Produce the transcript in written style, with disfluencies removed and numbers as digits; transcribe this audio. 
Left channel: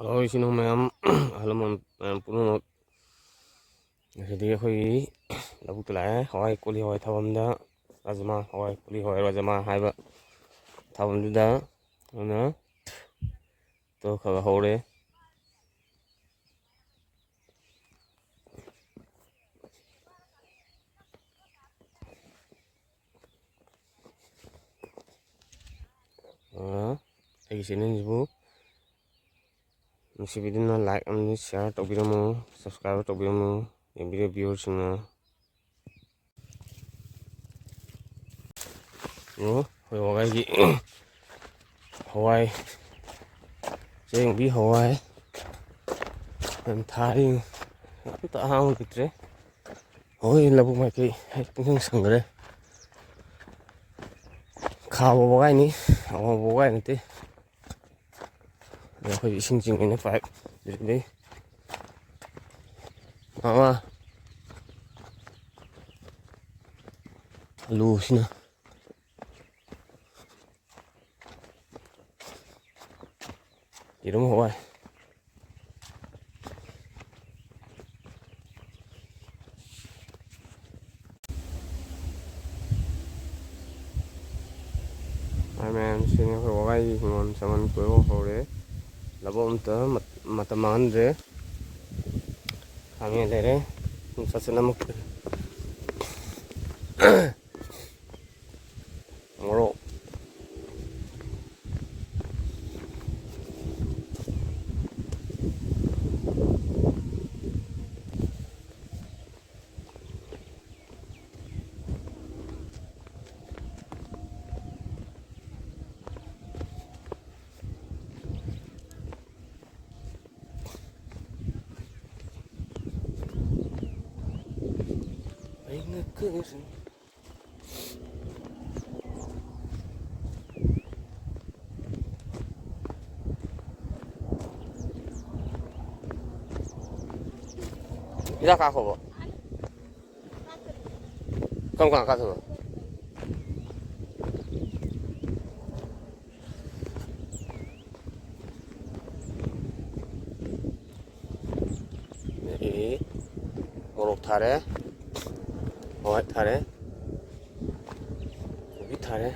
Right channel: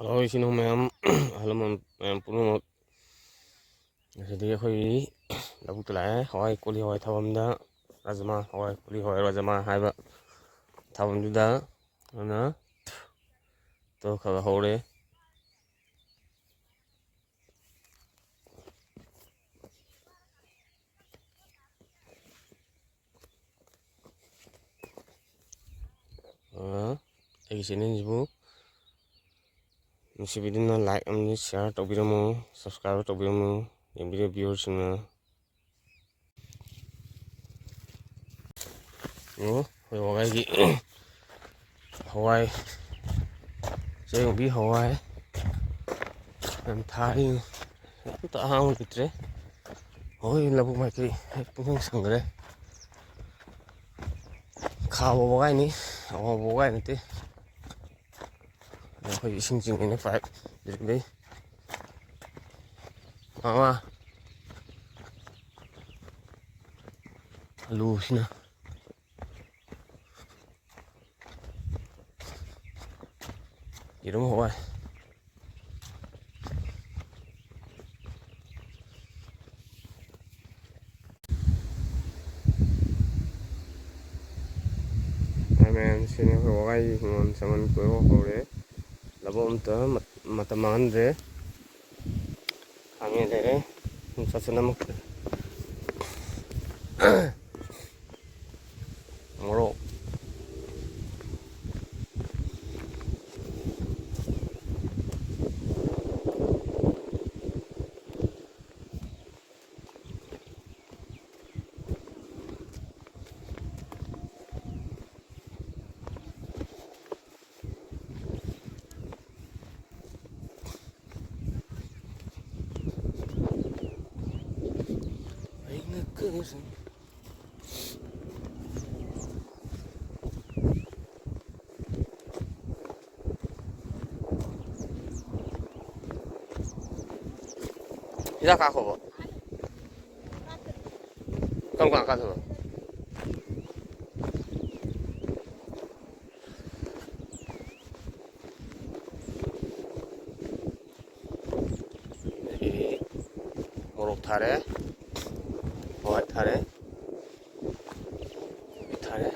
hello ꯏꯆꯤꯟ ꯏꯅꯥꯎ ꯃꯌꯥꯝ ꯑꯍꯜ ꯂꯃꯟ ꯃꯌꯥꯝ ꯄꯨꯝꯅꯃꯛ ꯉꯁꯤꯗꯤ ꯑꯩꯈꯣꯏꯒꯤ ꯂꯧꯕꯨꯛꯇ ꯂꯥꯛꯑꯦ ꯍꯋꯥꯏ ꯀꯣꯂꯤ ꯍꯋꯥꯏ ꯊꯥꯐꯝꯗ ꯔꯥꯖꯃꯥ ꯍꯋꯥꯏ ꯀꯣꯂꯤ ꯍꯋꯥꯏ ꯔꯥꯖꯃꯥ ꯍꯥꯏꯕ ꯊꯥꯐꯝꯗꯨꯗ ꯑꯗꯨꯅ ꯇꯣ ꯈꯔ ꯍꯧꯔꯦ ꯑꯩꯒꯤ ꯆꯦꯅꯦꯜꯁꯤꯕꯨ ꯅꯨꯡꯁꯤꯕꯤꯗꯨꯅ ꯂꯥꯏꯛ ꯑꯃꯗꯤ ꯁꯤꯌꯥꯔ ꯇꯧꯕꯤꯔꯝꯃꯨ ꯁꯕꯁꯀ꯭ꯔꯥꯏꯕ ꯇꯧꯕꯤꯔꯝꯃꯨ ꯌꯦꯡꯕꯤꯔꯤꯕ ꯚꯤꯌꯨꯋꯔꯁꯤꯡꯅ ꯑꯩꯈꯣꯏ ꯋꯥꯒꯥꯏꯒꯤ ꯍꯋꯥꯏ ꯆꯦꯡꯕꯤ ꯍꯋꯥꯏ ꯌꯥꯝ ꯊꯥꯔꯤ ꯑꯝꯇ ꯑꯍꯥꯡꯕ ꯂꯩꯇ꯭ꯔꯦ ꯍꯣꯏ ꯂꯧꯕꯨꯛ ꯃꯥꯏꯀꯩ ꯄꯨꯡꯁꯪ ꯁꯪꯈ꯭ꯔꯦ ꯈꯥꯕ ꯋꯥꯒꯥꯏꯅꯤ ꯑꯋꯥꯕ ꯋꯥꯒꯥꯏ ꯅꯠꯇꯦ ꯑꯩꯈꯣꯏ ꯏꯁꯤꯡ ꯆꯤꯡꯉꯩꯅ ꯄꯥꯏꯞ ꯂꯩ ꯃꯃꯥ ꯑꯂꯨꯁꯤꯅ ꯌꯦꯔꯨꯝ ꯍꯋꯥꯏ ꯃꯌꯥꯝꯁꯤꯅꯤ ꯑꯩꯈꯣꯏ ꯋꯥꯒꯥꯏꯒꯤ ꯍꯤꯡꯒꯣꯜ ꯁꯝꯕꯟ ꯀꯣꯏꯕ ꯍꯧꯔꯦ ꯂꯧꯕꯨꯛ ꯑꯝꯇ ꯃꯇꯝ ꯃꯥꯡꯍꯟꯗ꯭ꯔꯦ ꯈꯥꯃꯦꯟ ꯂꯩꯔꯦ ꯆꯠꯁꯤꯟ ꯃꯣꯔꯣꯛ ꯍꯤꯗꯥꯛ ꯀꯥꯞꯈꯣꯕ ꯀꯔꯝ ꯀꯥꯟ ꯀꯥꯞꯊꯣꯏꯕ ꯑꯗꯒꯤ ꯃꯣꯔꯣꯛ ꯊꯥꯔꯦ ꯍꯋꯥꯏ ꯊꯥꯔꯦ ꯀꯣꯕꯤ ꯊꯥꯔꯦ